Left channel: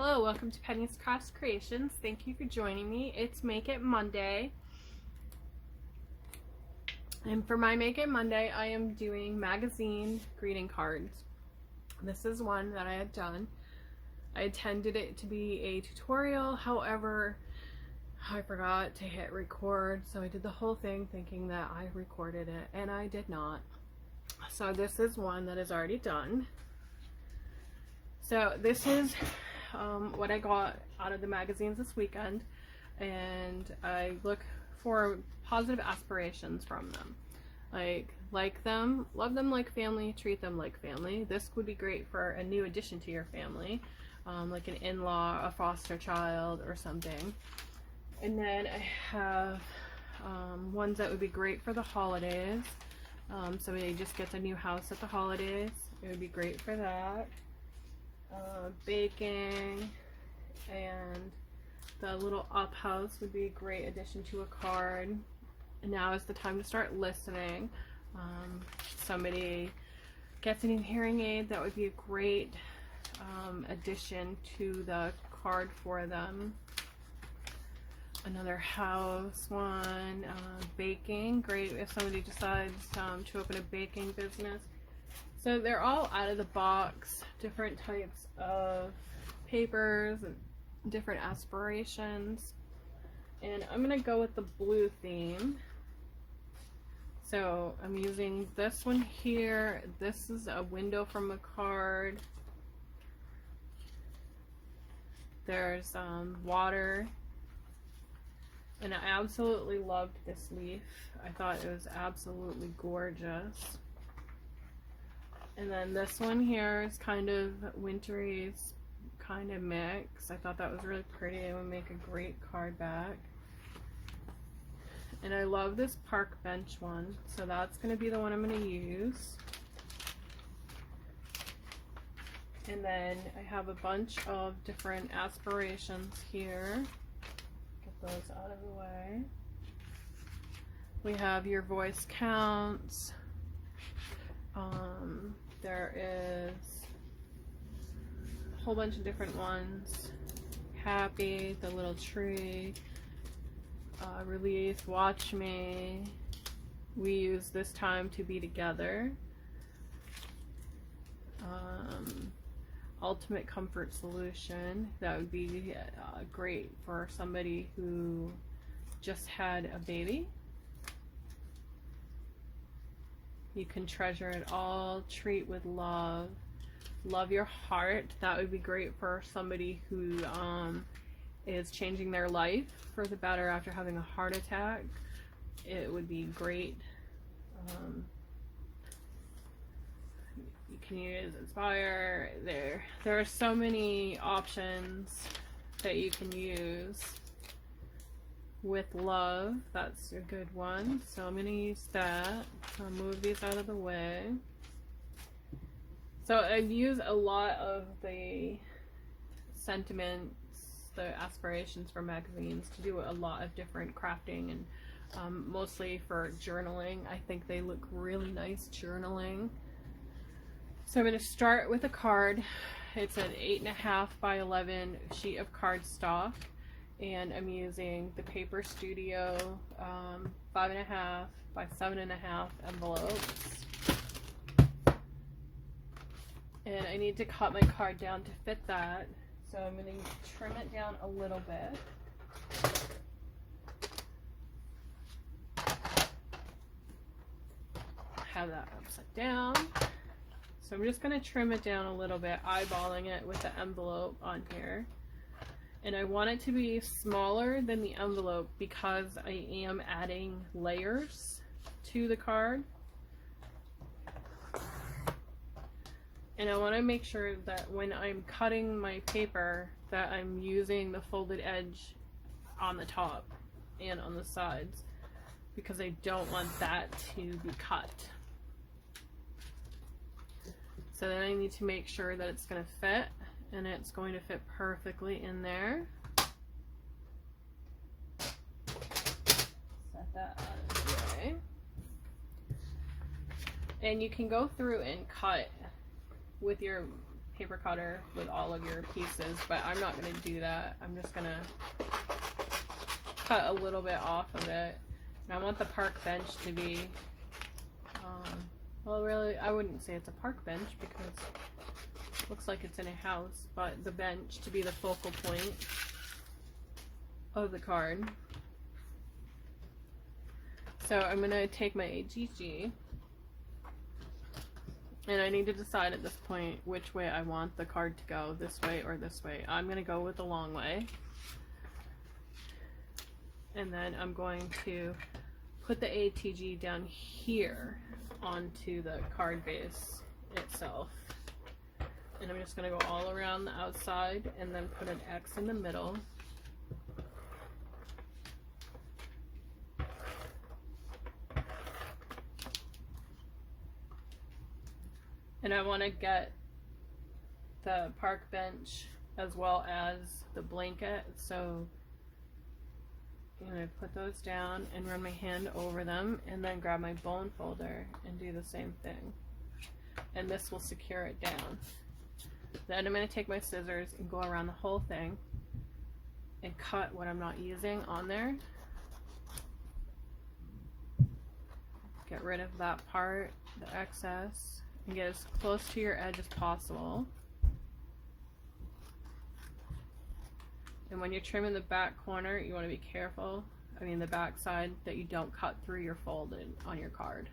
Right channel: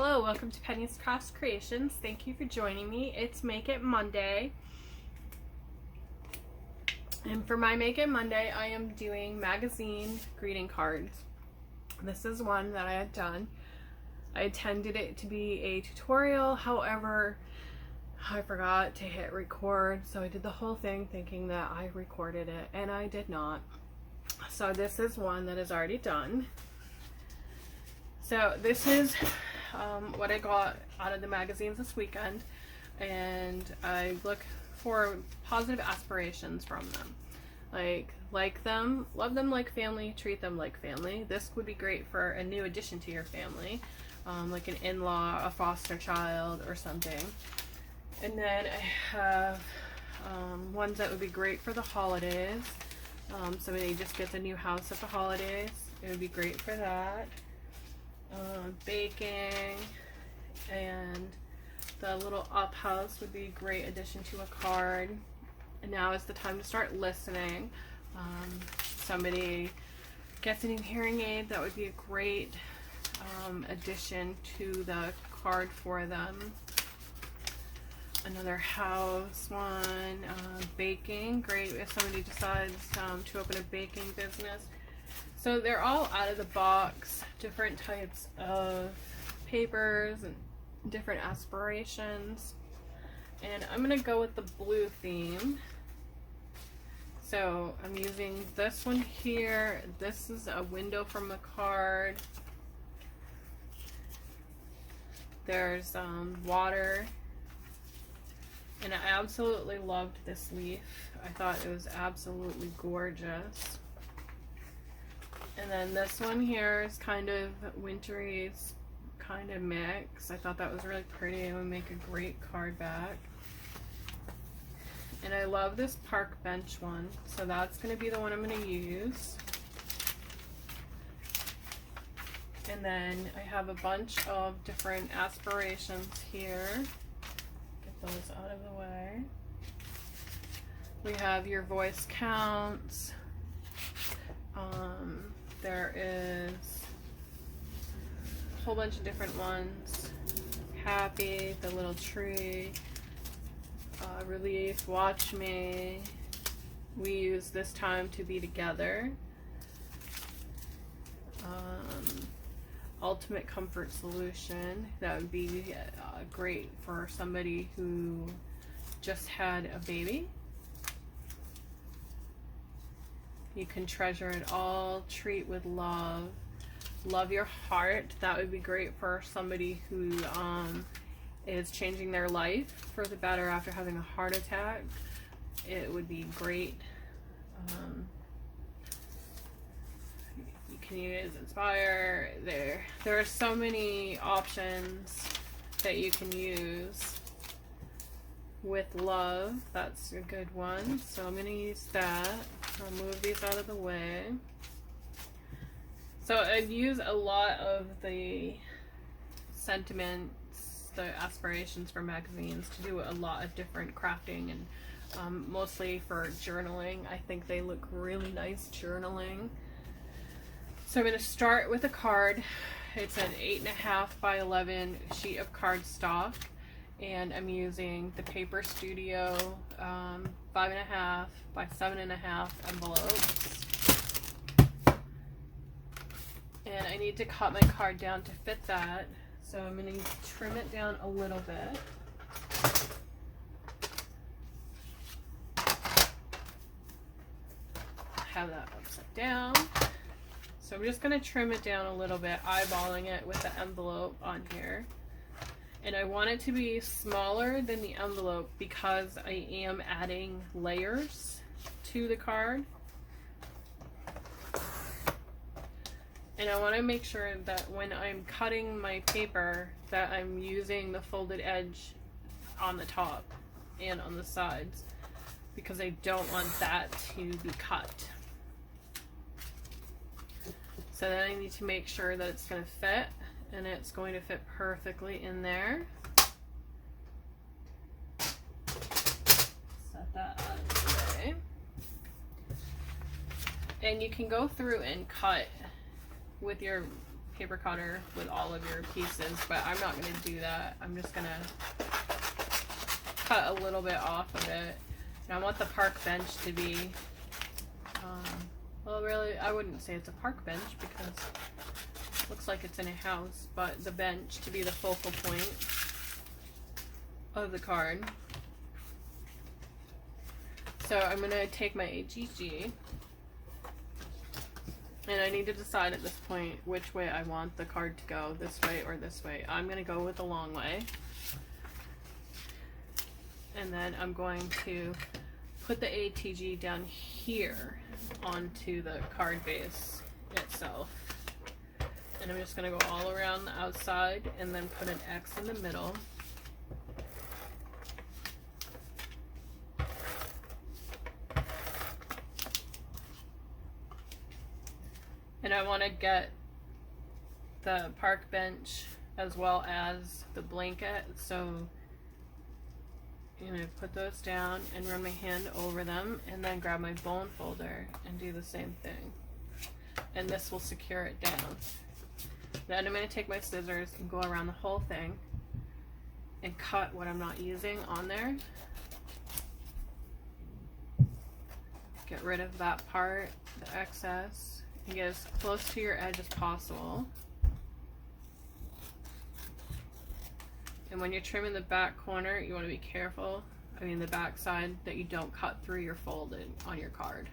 Hello, welcome to Penny's Crafts Creations. Thank you for joining me. It's Make It Monday. And for my Make It Monday, I am doing magazine greeting cards. This is one that I had done. I intended it to be a tutorial, however, I forgot to hit record, so I did the whole thing thinking that I recorded it, and I did not. So this is one that is already done. So this is what I got out of the magazines this weekend, and I look for positive aspirations from them. Like them, love them like family, treat them like family. This would be great for a new addition to your family, like an in-law, a foster child, or something. And then I have ones that would be great for the holidays. Somebody just gets a new house at the holidays. It would be great for that. Baking, and the little up house would be a great addition to a card. And now is the time to start listening. Somebody gets a new hearing aid, that would be a great addition to the card for them. Another house one. Baking, great if somebody decides to open a baking business. So they're all out of the box, different types of papers and different aspirations. And I'm going to go with the blue theme. So I'm using this one here. This is a window from the card. There's water. And I absolutely loved this leaf. I thought it was absolutely gorgeous. And then this one here is kind of wintry, kind of mix. I thought that was really pretty. It would make a great card back. And I love this park bench one, so that's going to be the one I'm going to use. And then I have a bunch of different aspirations here. Get those out of the way. We have your voice counts. There is a whole bunch of different ones. Happy, the little tree, relief, watch me, we use this time to be together, ultimate comfort solution, that would be great for somebody who just had a baby. You can treasure it all, treat with love, love your heart. That would be great for somebody who is changing their life for the better after having a heart attack. It would be great. You can use Inspire. There are so many options that you can use. With love, that's a good one. So I'm going to use that. I'll move these out of the way. So I use a lot of the sentiments, the aspirations for magazines to do a lot of different crafting, and mostly for journaling. I think they look really nice journaling. So I'm going to start with a card. It's an 8.5 by 11 sheet of cardstock. And I'm using the Paper Studio 5.5 by 7.5 envelopes. And I need to cut my card down to fit that. So I'm going to trim it down a little bit. Have that upside down. So I'm just going to trim it down a little bit, eyeballing it with the envelope on here. And I want it to be smaller than the envelope because I am adding layers to the card. And I want to make sure that when I'm cutting my paper that I'm using the folded edge on the top and on the sides, because I don't want that to be cut. So then I need to make sure that it's going to fit. And it's going to fit perfectly in there. Set that out of the way. And you can go through and cut with your paper cutter with all of your pieces, but I'm not going to do that. I'm just going to cut a little bit off of it. And I want the park bench to be, well, really, I wouldn't say it's a park bench because it looks like it's in a house, but the bench to be the focal point of the card. So I'm going to take my HGG, and I need to decide at this point which way I want the card to go, this way or this way. I'm going to go with the long way. And then I'm going to put the ATG down here onto the card base itself. And I'm just going to go all around the outside and then put an X in the middle. And I want to get the park bench as well as the blanket, so put those down and run my hand over them, and then grab my bone folder and do the same thing. And this will secure it down. Then I'm going to take my scissors and go around the whole thing and cut what I'm not using on there. Get rid of that part, the excess, and get as close to your edge as possible. And when you're trimming the back corner, you want to be careful, the back side, that you don't cut through your folded on your card.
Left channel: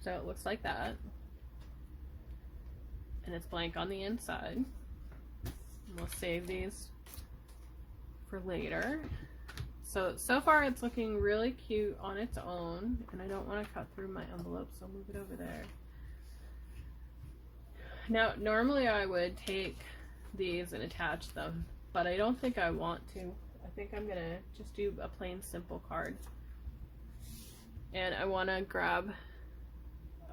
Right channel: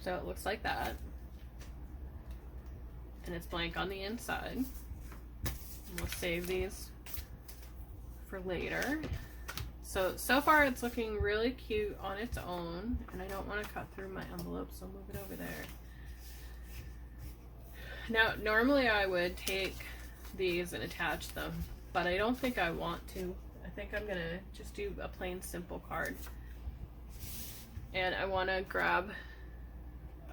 So it looks like that. And it's blank on the inside. And we'll save these for later. So far it's looking really cute on its own, and I don't want to cut through my envelope, so I'll move it over there. Now, normally I would take these and attach them, but I don't think I want to. I think I'm gonna just do a plain simple card. And I want to grab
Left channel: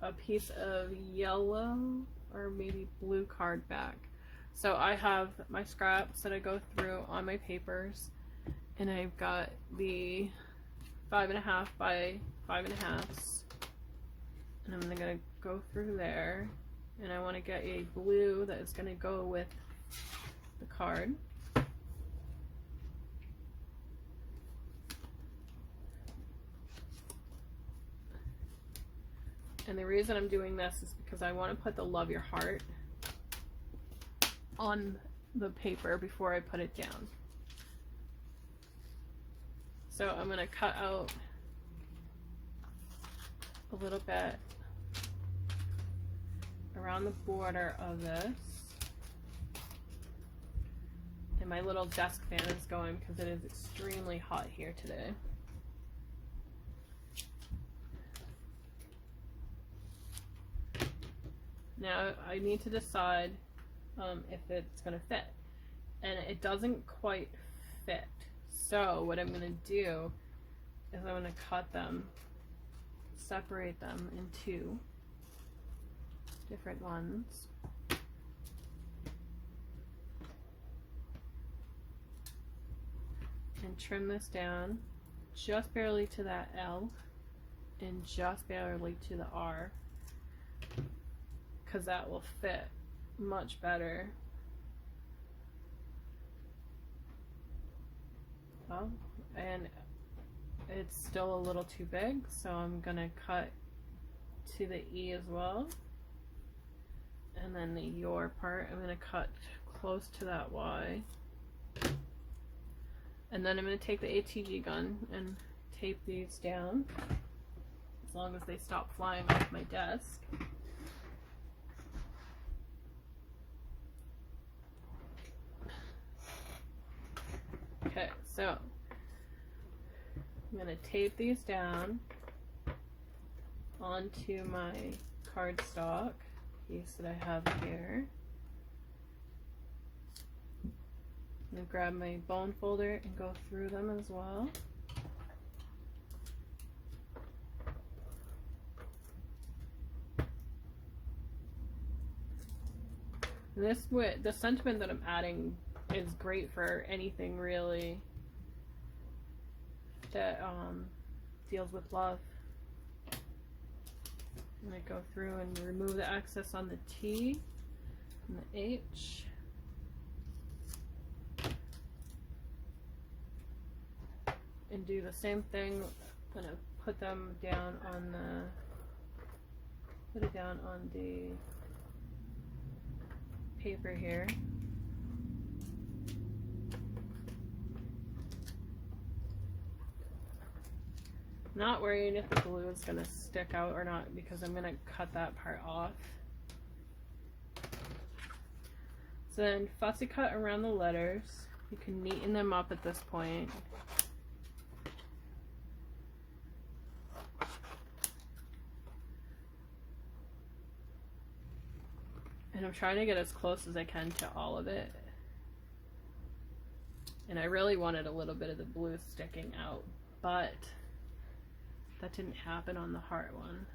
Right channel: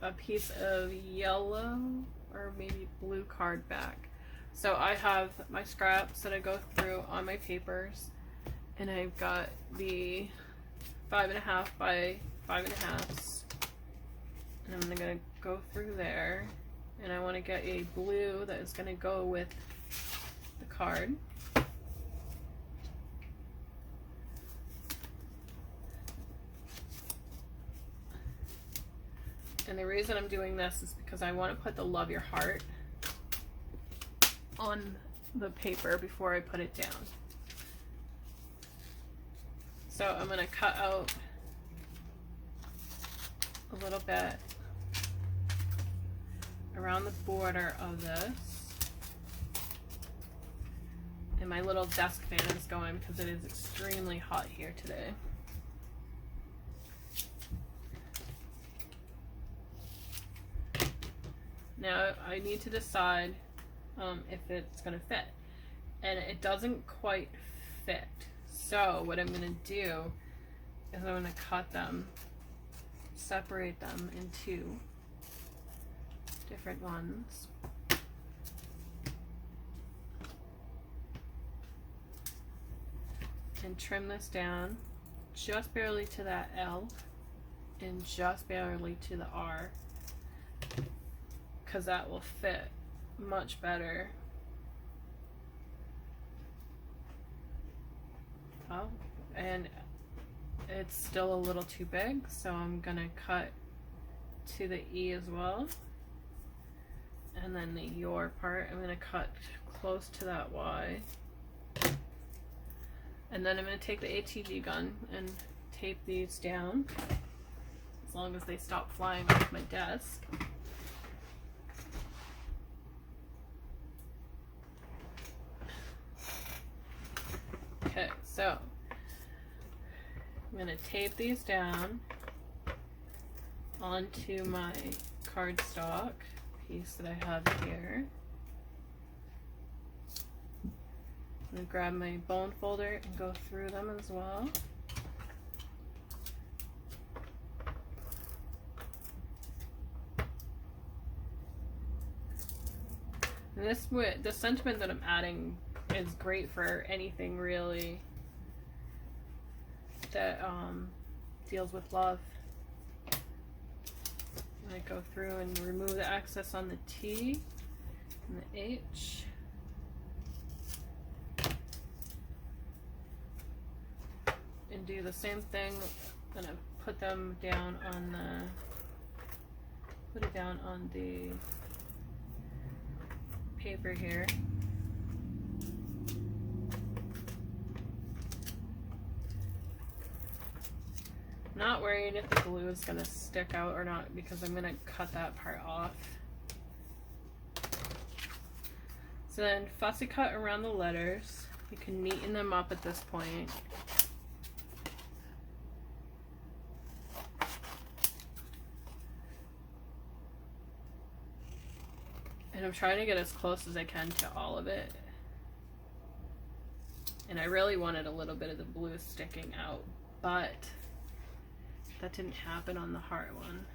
a piece of yellow or maybe blue card back. So I have my scraps that I go through on my papers, and I've got the 5.5 by 5.5, and I'm gonna go through there, and I want to get a blue that is gonna go with the card. And the reason I'm doing this is because I want to put the Love Your Heart on the paper before I put it down. So I'm going to cut out a little bit around the border of this. And my little desk fan is going because it is extremely hot here today. Now I need to decide if it's going to fit, and it doesn't quite fit. So what I'm going to do is I'm going to cut them, separate them into different ones. And trim this down just barely to that L and just barely to the R, because that will fit much better. Oh, and it's still a little too big, so I'm gonna cut to the E as well. And then the your part, I'm gonna cut close to that Y. And then I'm gonna take the ATG gun and tape these down, as long as they stop flying off my desk. Okay, so I'm going to tape these down onto my cardstock piece that I have here. I'm going to grab my bone folder and go through them as well. And the sentiment that I'm adding is great for anything really that deals with love. And I go through and remove the excess on the T and the H. And do the same thing. I'm gonna put them down on put it down on the paper here. I'm not worried if the glue is gonna stick out or not because I'm gonna cut that part off. So then fussy cut around the letters. You can neaten them up at this point. And I'm trying to get as close as I can to all of it. And I really wanted a little bit of the blue sticking out, but that didn't happen on the heart one.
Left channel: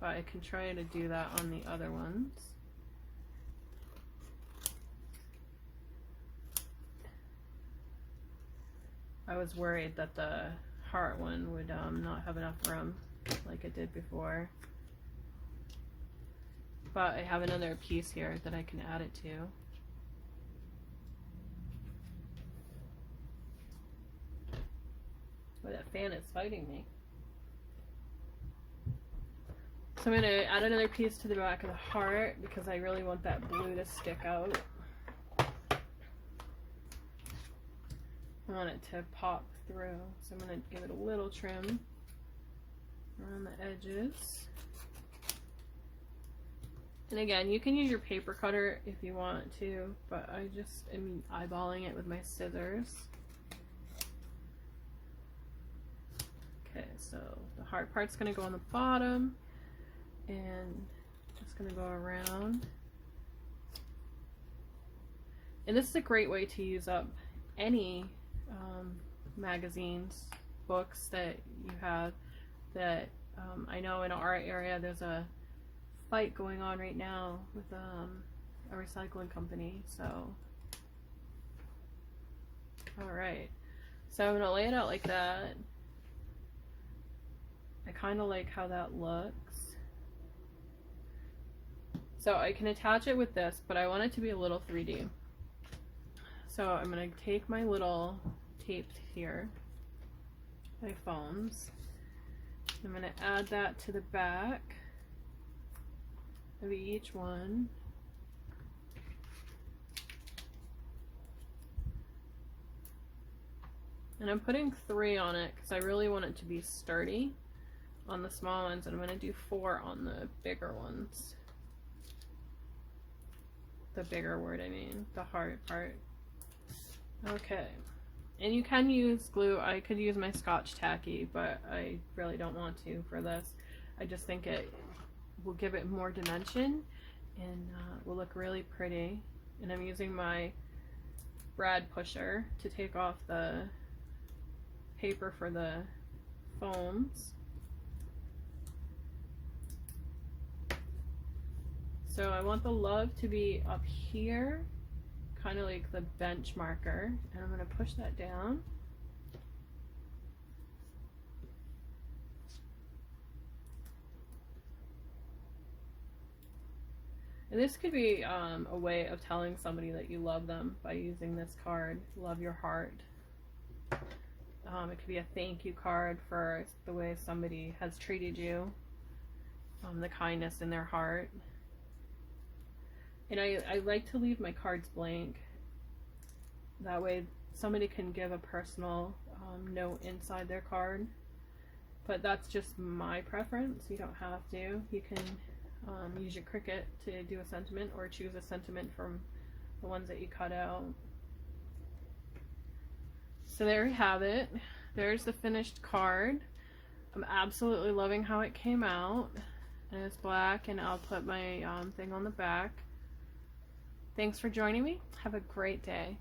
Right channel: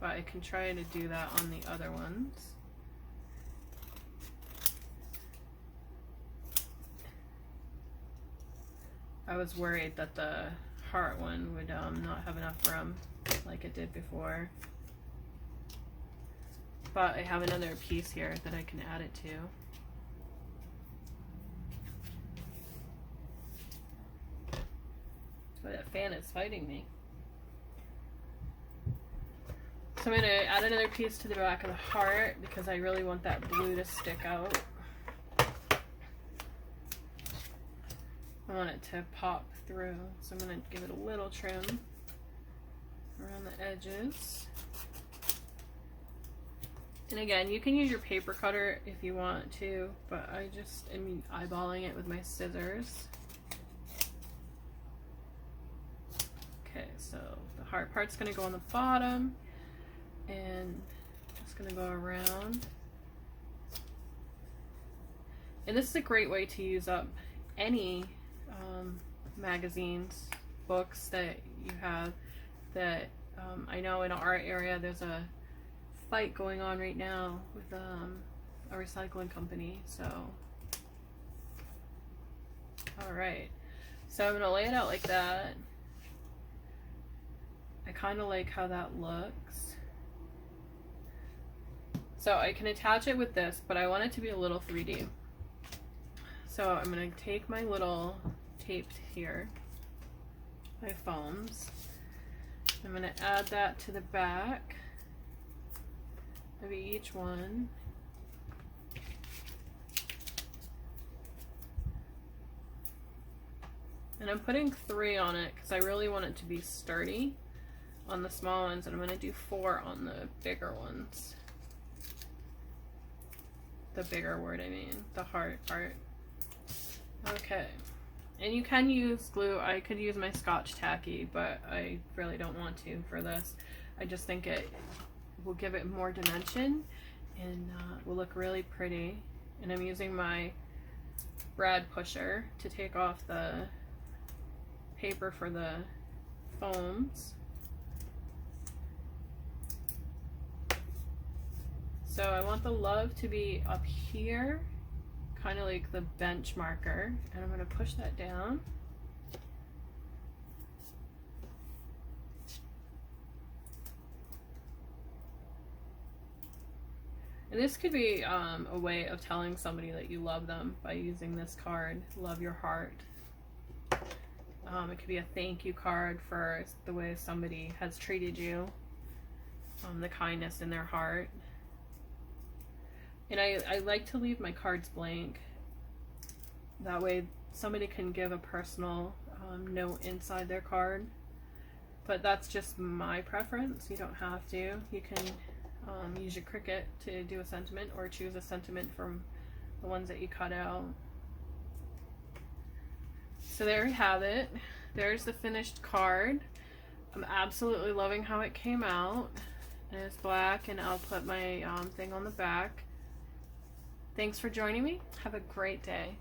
But I can try to do that on the other ones. I was worried that the heart one would not have enough room like it did before. But I have another piece here that I can add it to. But that fan is fighting me. So I'm going to add another piece to the back of the heart because I really want that blue to stick out. I want it to pop through, so I'm going to give it a little trim around the edges. And again, you can use your paper cutter if you want to, but I just am eyeballing it with my scissors. Okay, so the heart part's going to go on the bottom, and just going to go around. And this is a great way to use up any magazines, books that you have. That I know in our area there's a fight going on right now with a recycling company. So alright, so I'm gonna lay it out like that. I kind of like how that looks. So I can attach it with this, but I want it to be a little 3D. So I'm going to take my little tape here, my foams. I'm going to add that to the back of each one. And I'm putting 3 on it because I really want it to be sturdy on the small ones, and I'm going to do 4 on the bigger ones. The bigger word, I mean, the heart part. Okay, and you can use glue. I could use my Scotch Tacky, but I really don't want to for this. I just think it will give it more dimension and will look really pretty. And I'm using my brad pusher to take off the paper for the foams. So I want the love to be up here, kind of like the bench marker, and I'm going to push that down. And this could be a way of telling somebody that you love them by using this card, Love Your Heart. It could be a thank you card for the way somebody has treated you, the kindness in their heart. And I like to leave my cards blank. That way somebody can give a personal note inside their card. But that's just my preference. You don't have to. You can use your Cricut to do a sentiment, or choose a sentiment from the ones that you cut out. So there you have it. There's the finished card. I'm absolutely loving how it came out. And it's black, and I'll put my thing on the back. Thanks for joining me. Have a great day.